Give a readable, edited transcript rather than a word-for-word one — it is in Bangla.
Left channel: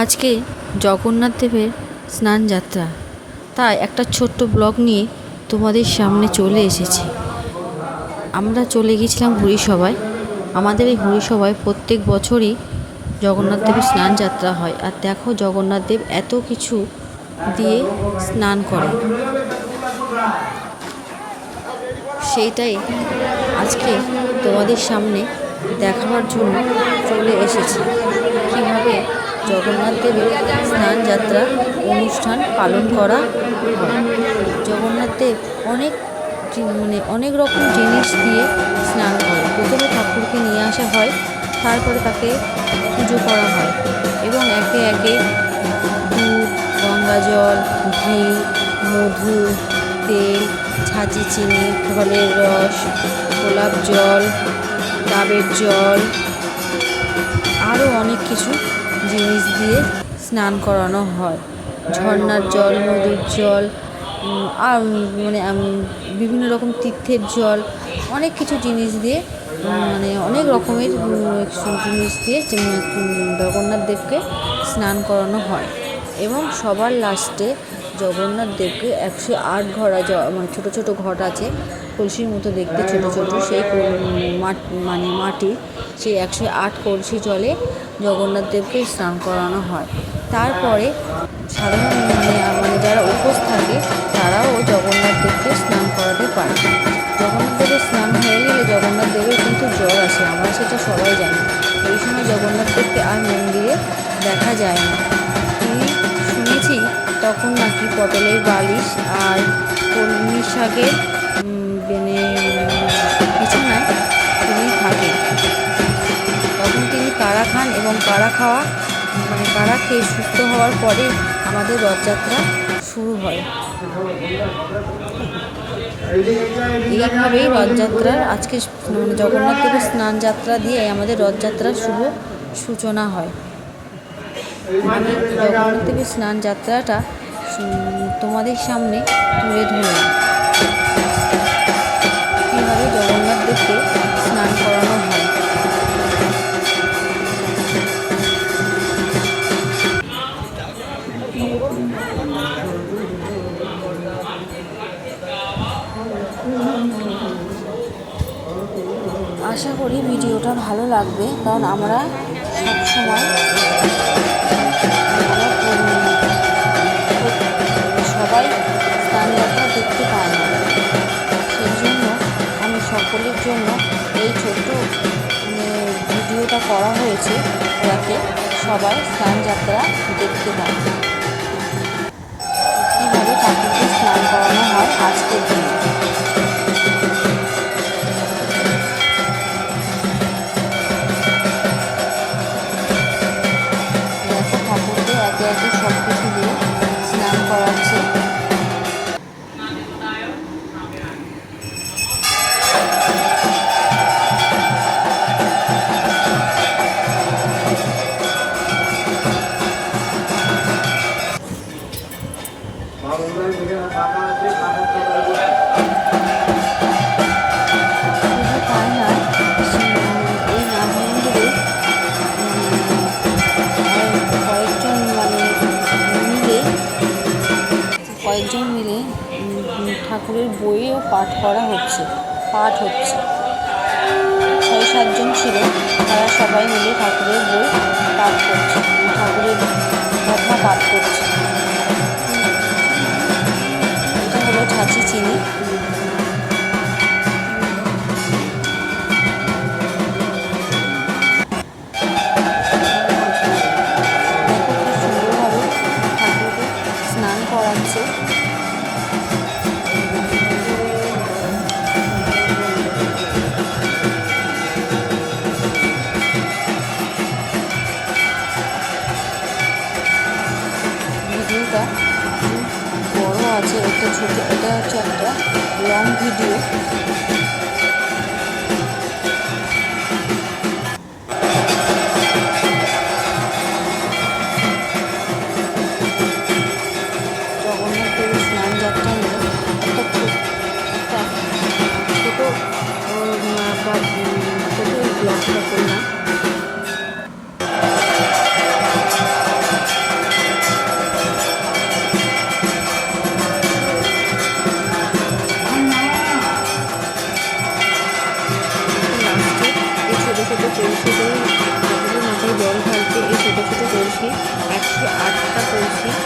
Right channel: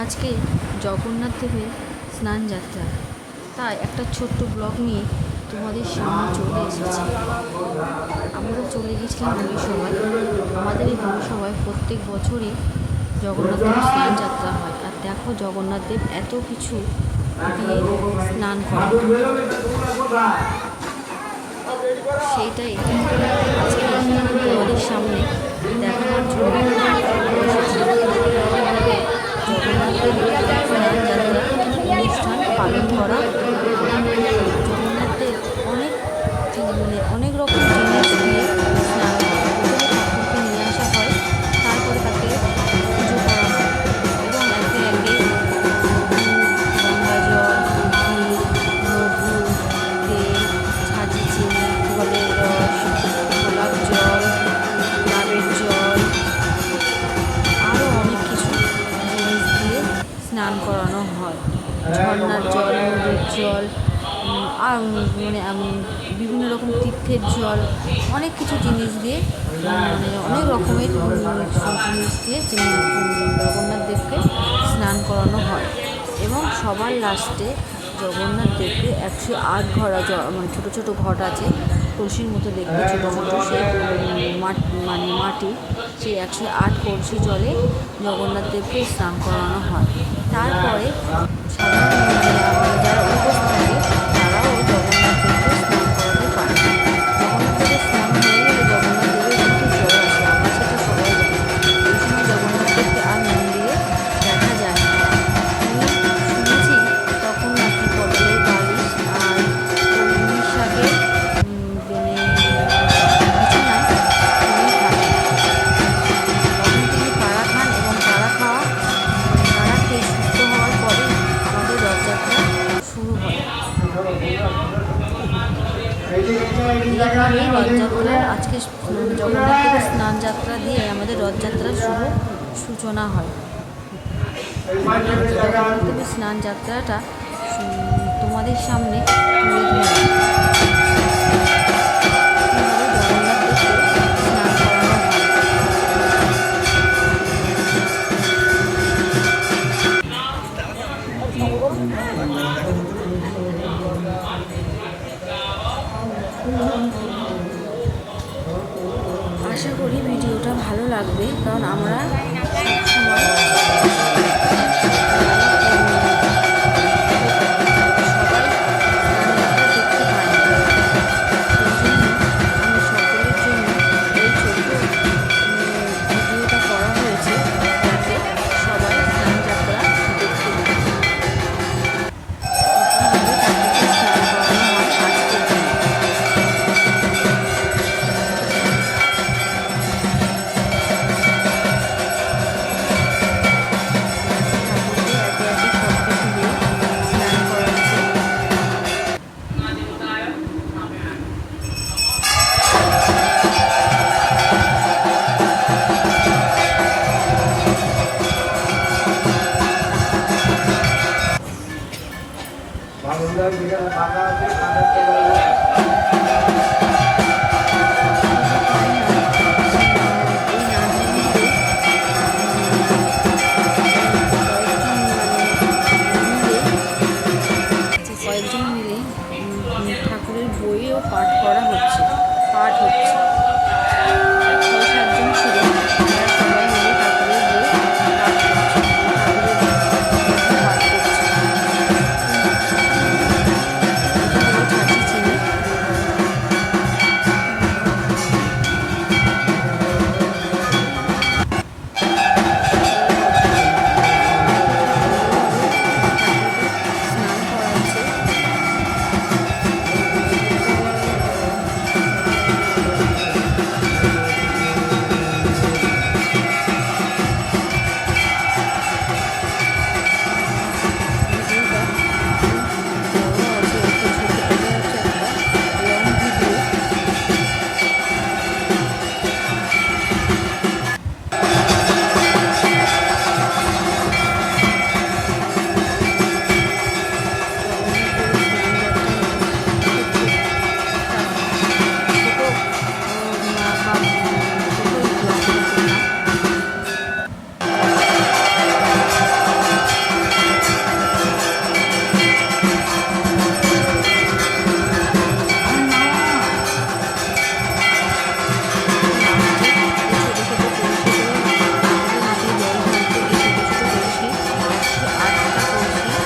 আজকে জগন্নাথ দেবের স্নান যাত্রা, তাই একটা ছোট্ট ব্লগ নিয়ে তোমাদের সামনে চলে এসেছি। আমরা চলে গিয়েছিলাম হরিসভায়। আমাদের এই হরিসভায় প্রত্যেক বছরই জগন্নাথ দেবের স্নান যাত্রা হয়। আর দেখো জগন্নাথ দেব এত কিছু দিয়ে স্নান করে, সেইটাই আজকে তোমাদের সামনে দেখাবার জন্য চলে এসেছি। কীভাবে জগন্নাথ দেবের স্নান যাত্রা অনুষ্ঠান পালন করা হয়। জগন্নাথ দেব অনেক রকম জিনিস দিয়ে স্নান করে। প্রথমে ঠাকুরকে নিয়ে আসা হয়, তারপরে তাকে পুজো করা হয় এবং একে একে দুধ, গঙ্গা জল, ঘি, মধু, তেল, ছাঁচি চিনি, ফলের রস, গোলাপ জল, ডাবের জল, আরও অনেক কিছু জিনিস দিয়ে স্নান করানো হয়। ঝর্নার জল, নদীর জল, আর বিভিন্ন রকম তীর্থের জল, অনেক কিছু জিনিস দিয়ে অনেক রকমের জিনিস দিয়ে জগন্নাথ দেবকে স্নান করানো হয়। এবং সবার লাস্টে জগন্নাথ দেবকে 108 ঘড়া ছোটো ছোটো ঘট আছে, কলসির মতো দেখতে ছোটো ছোটো, সেই মাটি, সেই 108 কলসি জলে জগন্নাথ দেবকে স্নান করানো হয়। তারপরে সাধারণ যারা উপোস থাকে তারাও জগন্নাথ দেবকে স্নান করাতে পারে। জগন্নাথ দেবের স্নান হয়ে গেলে জগন্নাথ দেবের কিন্তু জ্বর আসে, আমরা সেটা সবাই জানি। এই সময় জগন্নাথ দেবকে আর মন্দিরে দেখা যায় না। শুনেছি তখন নাকি পটলের বালিশ আর কলমি শাকের বিছানায় তিনি থাকেন। তখন তিনি কাড়া খান এবং কাড়া খেয়ে সুস্থ হওয়ার পরে আমাদের রথযাত্রা শুরু হয়। এইভাবেই রথযাত্রার আজকে জগন্নাথ দেবের স্নান যাত্রা দিয়ে আমাদের রথযাত্রার শুভ সূচনা হয়। জগন্নাথ দেবের স্নান যাত্রাটা তোমাদের সামনে তুলে ধরলাম, কীভাবে জগন্নাথ দেবকে স্নান করানো হয়। আশা করি ভিডিওটা ভালো লাগবে, কারণ আমরা সবসময় সবাই স্নান যাত্রা দেখতে পাই না। সেই জন্য আমি সকলের জন্য এই ছোট্ট ভিডিওটা করা হয়েছে, যাতে সবাই স্নান যাত্রা দেখতে পায়। কীভাবে ঠাকুরকে স্নান করানো হয় আজকের দিনে। দেখো ঠাকুরকে একে একে সব কিছু দিয়ে স্নান করাচ্ছে। কয়েকজন মিলে ঠাকুরের বইও পাঠ হচ্ছে। 6-7 জন ছিল, তারা সবাই মিলে ঠাকুরের বই পাঠ করছে, ঠাকুরের কথা পাঠ করছে। এটা হলো ছাঁচি চিনি। ঠাকুরকে স্নান করাচ্ছে। ভিডিওটা বড় আছে, একটা ছোটো, এটা হচ্ছে একটা লং ভিডিও। জগন্নাথ দেবের স্নান যাত্রা নিয়ে একটা ছোটো ব্লগটা করলাম। কলসি, 108টা কলসি